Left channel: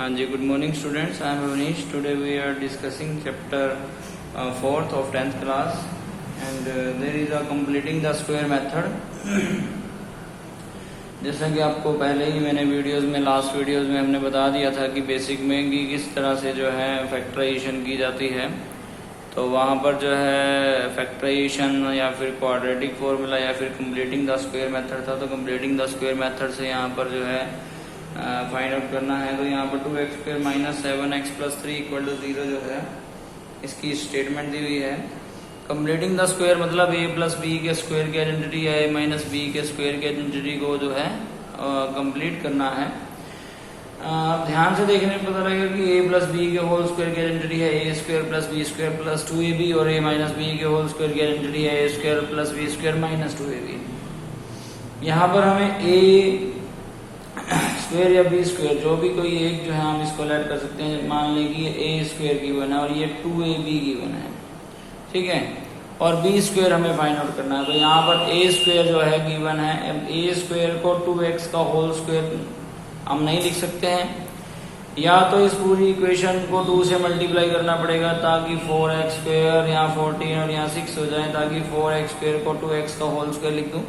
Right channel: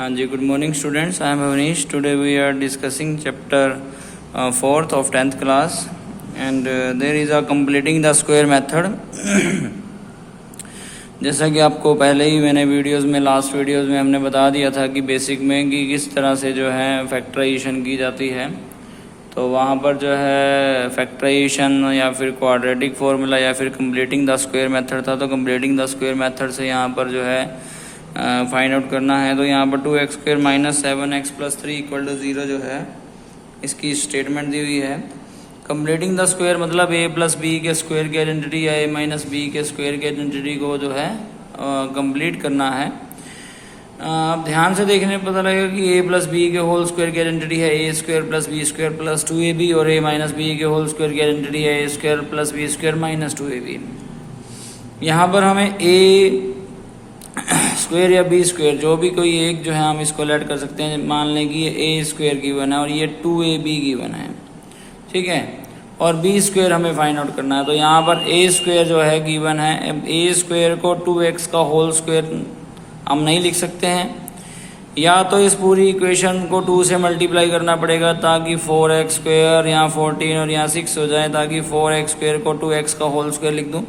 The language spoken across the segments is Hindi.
हाँ जी, good morning students. I am Avnish. Today we are discussing chapter 4th of 10th class and there is a completing the square method. जैसा कि आपको पहले ही मैंने वीडियोस में लास्ट वीडियोस में हमने बता दिया था कि बेसिक में कि किस तरह से जो है फैक्टराइजेशन की जाती है. तो वहाँ पर जो है फैक्टराइजेशन या फिर क्वाड्रेटिक फार्मूला या फिर कंप्लीटिंग द स्क्वायर मेथड था. तो कंप्लीटिंग द स्क्वायर मेथड से यहाँ पर जो है फाइंड आउट करना है. तो यहाँ पर 2x² - 7x + 3 = 0 जो है इसकी स्टेटमेंट दी हुई है. कंप्लीटिंग द स्क्वायर मतलब a + b के स्क्वायर की आइडेंटिटी या a - b के स्क्वायर की आइडेंटिटी को जो है कंप्लीट करना है. आप ध्यान से देखने पर पता लगेगा कि a + b के होल स्क्वायर की आइडेंटिटी है a² + b² + 2ab और a - b के होल स्क्वायर की आइडेंटिटी है a² + b² - 2ab. यहाँ पर हमें a स्क्वायर या बी स्क्वायर जो भी कोई एक जो है हम इसको ऐड कर सकते हैं. मान लें कि ये ए स्क्वायर गिवन है और ये 2ab गिवन है, ठीक है, और बी स्क्वायर हमें फाइंड आउट करना है. तो यहाँ पर ए स्क्वायर जो है गिवन है. ए स्क्वायर को 2x का होल स्क्वायर हम नहीं लिख सकते हैं, या तो इस पूरी इक्वेशन को 2 से मल्टीप्लाई करना पड़ेगा ताकि 4x² यहाँ 14 और यहाँ 6 हो जाए, ताकि 4x² को 2x का होल स्क्वायर लिख दूँ,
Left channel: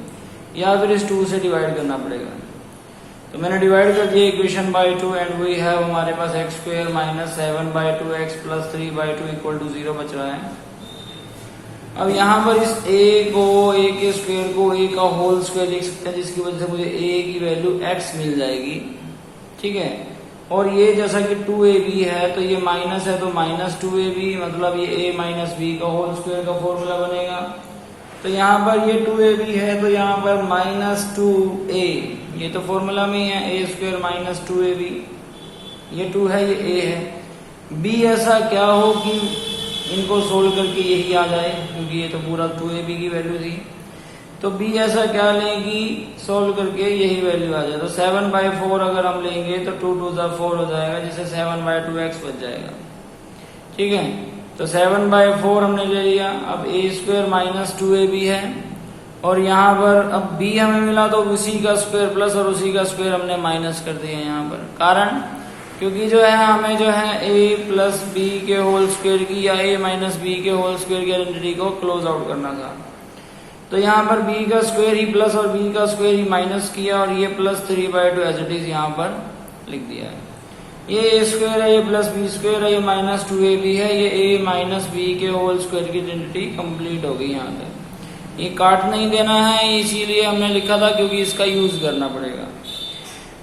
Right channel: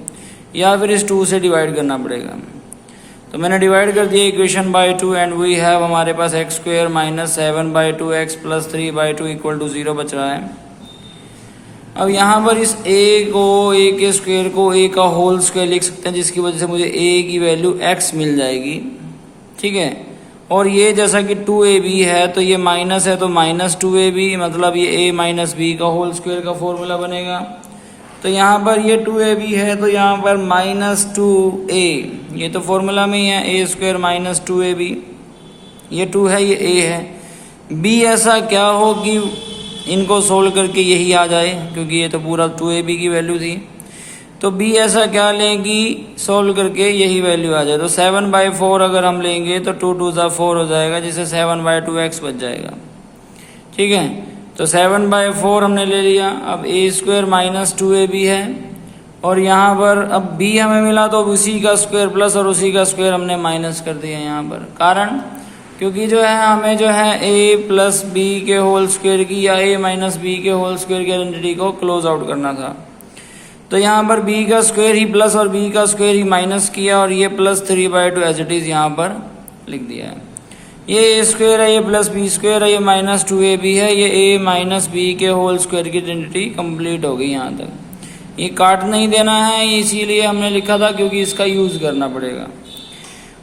या फिर इस 2 से डिवाइड करना पड़ेगा. तो मैंने डिवाइड कर दिया equation by 2 and we have हमारे पास x² - 7/2x + 3/2 = 0 बच रहा है. अब यहाँ पर इस a के स्क्वायर को a का होल स्क्वायर लिख सकते हैं, जिसकी वजह से मुझे a की वैल्यू x मिल जाएगी, ठीक है. और ये जैसा कि 2ab है तो ये माइनस है तो -2ab मतलब ये a - b का होल स्क्वायर का फॉर्मूला बनेगा. तो यहाँ पर ये 2ab है तो यहाँ पर -2a, ये तो फॉर्मूला में ही है, a² - 2ab. ये 2 है, ये a है. b ऐसा क्या हो कि इनको सोल्व करके यही आ जाए, क्योंकि ये तो पूरा 2ab की वैल्यू थी. तो b ऐसा क्या लें कि सोल्व करके यही वैल्यू आ जाए. तो 7/4 अगर हम लेंगे तो 2 × 2 = 4 हो जाएगा, जिससे 7/2x बच जाएगा, ठीक है. तो 7/4 हमने ले लिया. अब a² - 2ab है और यहाँ पर अब b हमें मिला तो उसी का स्क्वायर प्लस और उसी का स्क्वायर हमने माइनस कर दिया यहाँ पर. कारण क्योंकि जो है हमें जो है a + b के होल स्क्वायर की या a - b के होल स्क्वायर की आइडेंटिटी को क्लोज आउट करना था. तो यहाँ पर b का स्क्वायर ही प्लस और b का स्क्वायर ही माइनस किया और ये +3/2 एज इट इज यहाँ पर लिख दिया है. ये a² है, ये +b² है, ये -2ab है, ये a - b के होल स्क्वायर की आइडेंटिटी कंप्लीट हो गई. यहाँ तक ये काट नहीं देना है, इसीलिए हमने लिखा था क्योंकि इसका यूज करना पड़ेगा.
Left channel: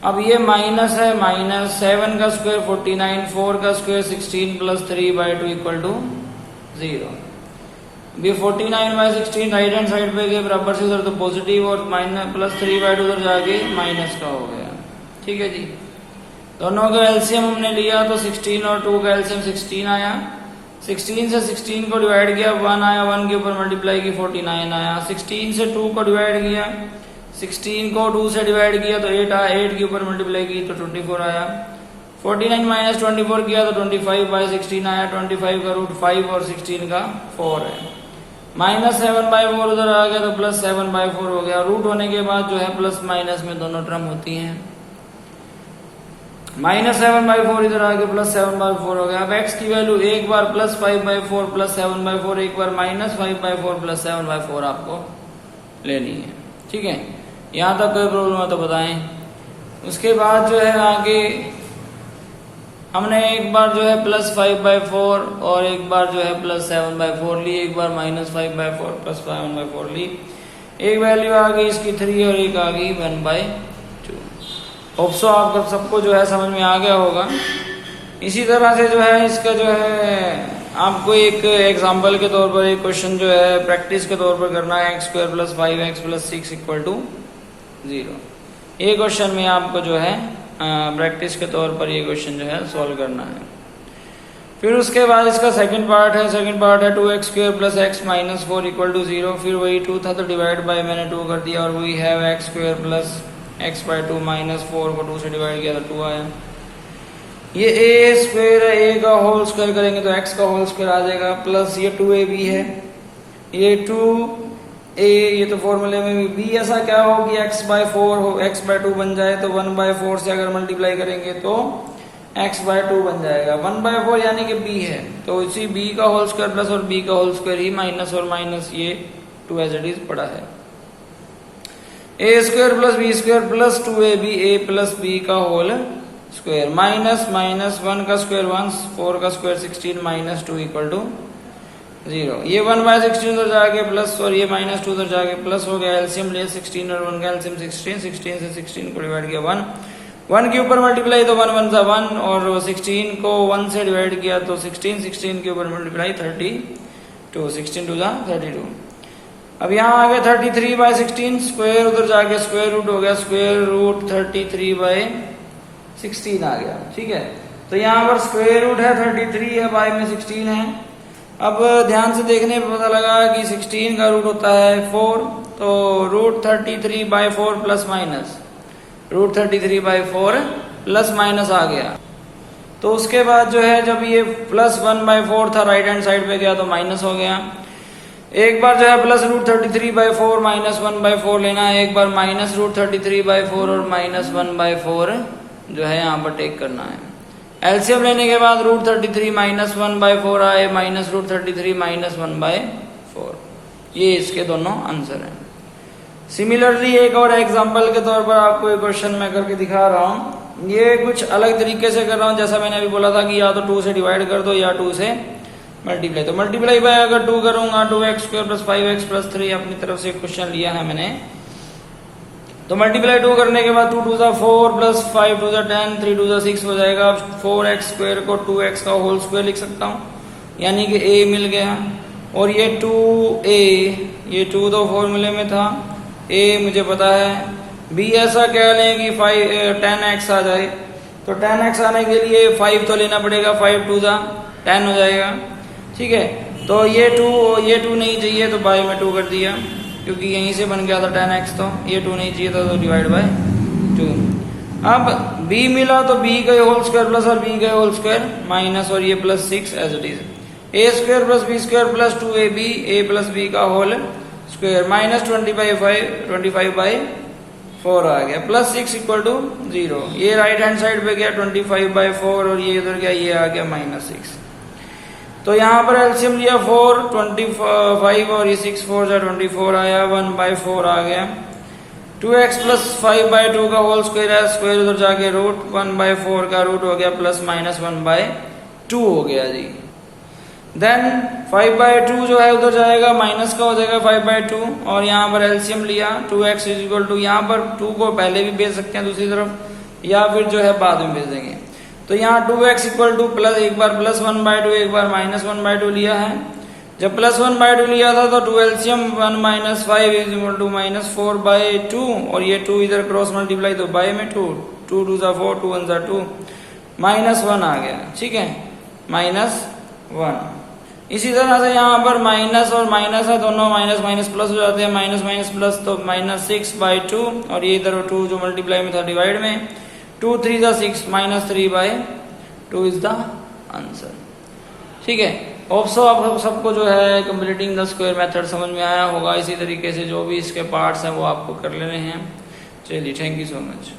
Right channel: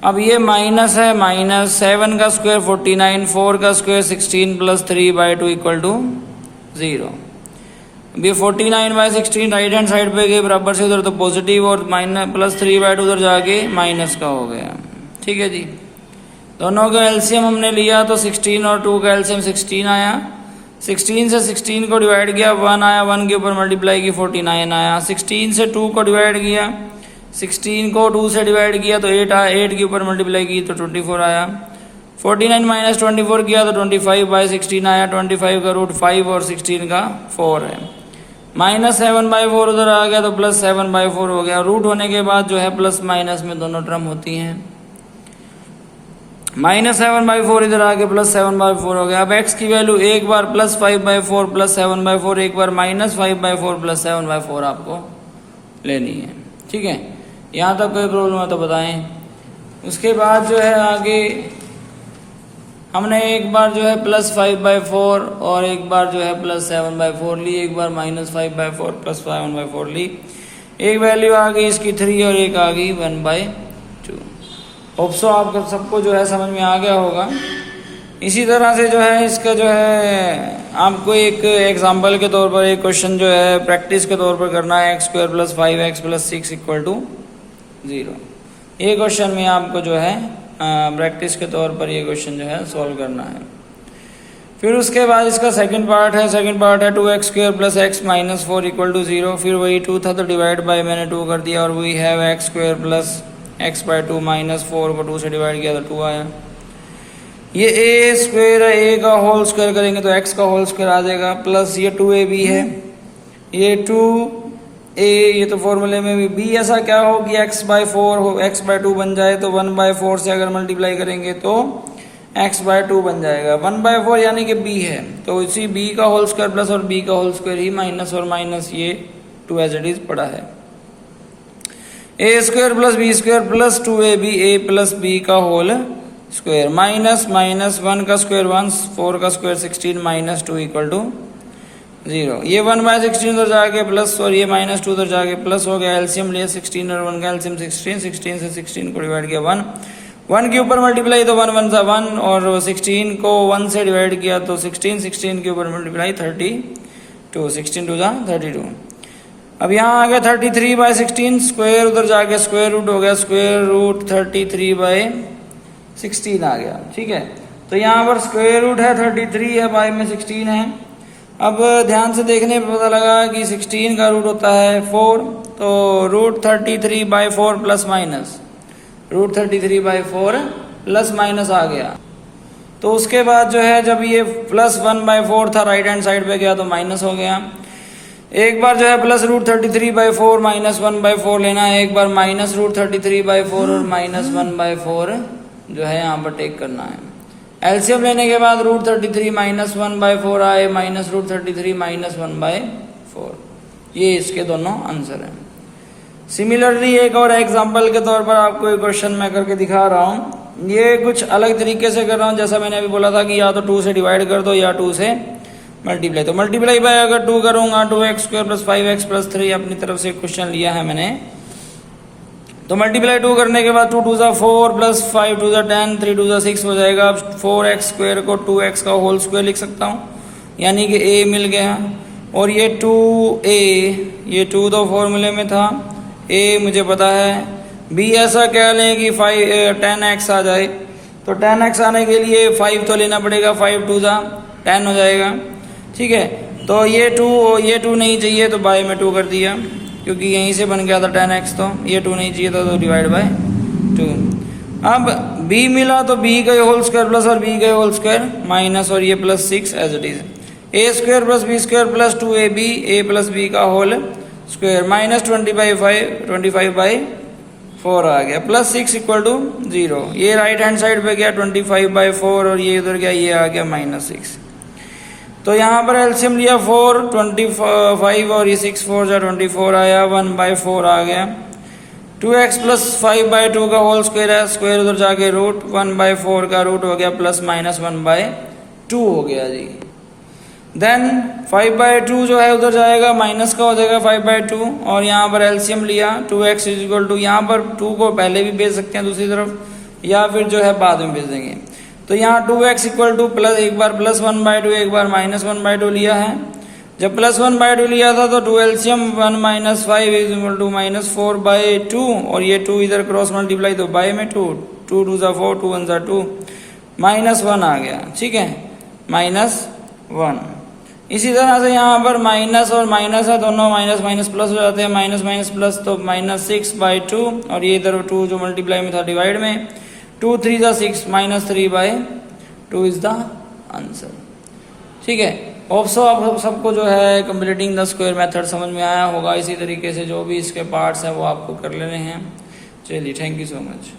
अब ये माइनस है, -7 का स्क्वायर 49, 4 का स्क्वायर 16 + 3/2 = 0. ये 49/16 राइट हैंड साइड पे गए बराबर से, उधर तो पॉजिटिव और +3/2 उधर जाके माइनस का हो गया, ठीक है जी. दोनों का एलसीएम हमने लिया तो 16 और 2 का एलसीएम 16 आया. 16 से 16 को डिवाइड किया 1 आया, 1 के ऊपर मल्टीप्लाई की 49 आया. 16 से 2 को डिवाइड किया, 16 को 2 से डिवाइड किया तो 8 आया, 8 के ऊपर मल्टीप्लाई की तो 24 आया. 49 - 24 किया तो 25/16 आया. 25 का रूट 5 और 16 का 4 है. -7/4 उधर आ गया तो +7/4 हो गया. रूट होने के बाद जो है प्लस माइनस में दोनों टर्म होती हैं. -7/4 इधर आके +7/4 हो गया. अब x की वैल्यू एक बार +5/4 +7/4, एक बार -5/4 +7/4 आपको लेनी है, ठीक है. यहाँ तक कोई प्रॉब्लम है तो बताएं. उसके बाद जो है आगे हमने एक बार जो है +5/4 और एक बार जो है +7/4 ली, एक बार -5/4 +7/4 ली. एक वैल्यू आ गई इसकी 3 और एक आ गई 1/2. होप्सो आपको सबको जो है समझ में आ गया होगा. इसी तरह से जो है इसका जो है आपको एक एग्जांपल के तौर पर एक क्वेश्चन जो है प्रैक्टिस के तौर पर करना है. x² + 5x + 6 = 0. ये क्वेश्चन में आपको जो है प्रैक्टिस के तौर पर ये क्वेश्चन जो है सॉल्व करना है. फिर उसके बाद इसका सेकंड पार्ट है 2x² + x - 4 = 0. फिर वही 2 था तो डिवाइड बाय मैंने 2 कर दिया और वही है x² + x/2 - 4 को 2 से डिवाइड किया तो 2 आया. ये a² है, a का होल स्क्वायर करेंगे तो x का होल स्क्वायर आ जाएगा, प्लस ये 2ab है, ये 2a, ये तो फॉर्मूले में भी b ऐसा क्या हो कि x/4 हो, x/2 बन जाए तो 1/4 से अगर मल्टीप्लाई करेंगे तो x/2 बन जाएगा। 1/4 यानी कि b है, तो उसी b का होल स्क्वायर प्लस और b का होल स्क्वायर ही माइनस और माइनस ये 2 एज इट इज पड़ा है। a² plus b² plus 2ab a plus b का होल स्क्वायर माइनस 1 का स्क्वायर 1, 4 का स्क्वायर 16 माइनस 2 इक्वल टू 0। ये 1/16 उधर जाके प्लस और ये -2 उधर जाके प्लस हो गया। एलसीएम लिए 16 और 1 का एलसीएम 16, 16 से 16 को डिवाइड किया 1 के ऊपर मल्टीप्लाई तो 1 1 सा 1 और 16 को 1 से डिवाइड किया तो 16 के ऊपर मल्टीप्लाई 32, 16 टू दा 32। अब यहाँ आ गया 33/16 स्क्वायर उधर जाके स्क्वायर रूट हो गया, स्क्वायर रूट 33/16 आ गया। ठीक है, तो यहाँ पर स्क्वायर रूट है 33 है, बाय में 16 है। अब ध्यान से देखने पर पता लगा कि 16 का रूट होता है 4, तो root 33/4 plus minus root 33/4 plus minus आ गया। तो उसके बाद जो है जब ये प्लस 1/4 था राइट हैंड साइड पे गया तो माइनस हो गया। एक बार जो है प्लस रूट 33/4 माइनस 1/4 लेना है, एक बार माइनस रूट 33/4 और माइनस 1/4 जो है यहाँ पर टेक करना है। एलसीएम लेने के बाद रूट 33 माइनस 1/4 आए, माइनस रूट 33 माइनस 1/4, ये इसके दोनों आंसर हैं। सिमिलरली एक और एग्जांपल के तौर पर आपको एक क्वेश्चन मैं करके दिखा रहा हूँ। ये कुछ अलग तरीके से कर रहा हूँ, जैसा मैंने अभी बोला था कि या तो 2 से डिवाइड कर दो या 2 से मल्टीप्लाई। तो मल्टीप्लाई बाय अगर 2 करूंगा 2x² प्लस 5x प्लस 3 अपनी तरफ से क्वेश्चन लिया है मैंने। तो मल्टीप्लाई 2 करने के बाद 2 2 सा 4 प्लस 5 2 सा 10 3 2 सा 6 हो जाएगा। अब 4x² को 2x का होल स्क्वायर लिख सकता हूँ, यानी कि a मिल गया। और ये 2a, ये 2 तो फॉर्मूले में था, a मुझे पता है। b ऐसा कह लें कि 10x आ जाए, तो 10x आने के लिए 5 तो लेना पड़ेगा, 5 2 सा 10 हो जाएगा। ठीक है, तो ये 2 नहीं चाहिए तो बाय में 2 कर दिया, क्योंकि यहीं से बन गया था 10x, तो ये 2 नहीं चाहिए था तो डिवाइड बाय 2। अब b मिला तो b का होल स्क्वायर प्लस और b का होल स्क्वायर माइनस और ये plus 6 as it is. a² plus b² plus 2ab a plus b का होल स्क्वायर माइनस 25/4 आ गया, प्लस 6 इक्वल टू 0। ये राइट हैंड साइड पे गया 25/4 और ये इधर गया, ये आ गया -6। तो यहाँ पर एलसीएम लिया 4, 25 और ये 6 4 जा 24 आया, 1/4 आ गया। 2x प्लस 5/2 का होल स्क्वायर है, स्क्वायर उधर जाके रूट 1/4 का रूट हो गया प्लस माइनस 1/2 हो गया जी। देन 5/2 जो है उधर जाएगा माइनस का हो जाएगा 5/2 और यहाँ पर एलसीएम लिया 2x इज इक्वल टू, यहाँ पर 2 को पहले भी भेज सकते हैं दूसरी तरफ या फिर जो है बाद में भेज देंगे। तो यहाँ 2x इक्वल टू प्लस, एक बार प्लस 1/2 एक बार माइनस 1/2 लिया है। जब प्लस 1/2 लिया था तो 2 LCM 1 minus 5 is equal to -4/2 और ये 2 इधर क्रॉस मल्टीप्लाई तो बाय में 2 2 2 सा 4 2 1 सा 2 -1 आ गया। ठीक है, -1। इसी तरह से यहाँ पर माइनस और माइनस है, दोनों माइनस माइनस प्लस हो जाते हैं, माइनस माइनस प्लस तो -6/2 और ये इधर 2 जो मल्टीप्लाई में था डिवाइड में 2 3 सा 6 -3/2 इज द आंसर। ठीक है, होप सो आप सबको जो है कंप्लीटिंग द स्क्वायर मेथड समझ में आया होगा। इसी तरीके से जो भी इसके पार्ट्स हैं वो आपको कर लेने हैं। चलिए, थैंक यू सो मच।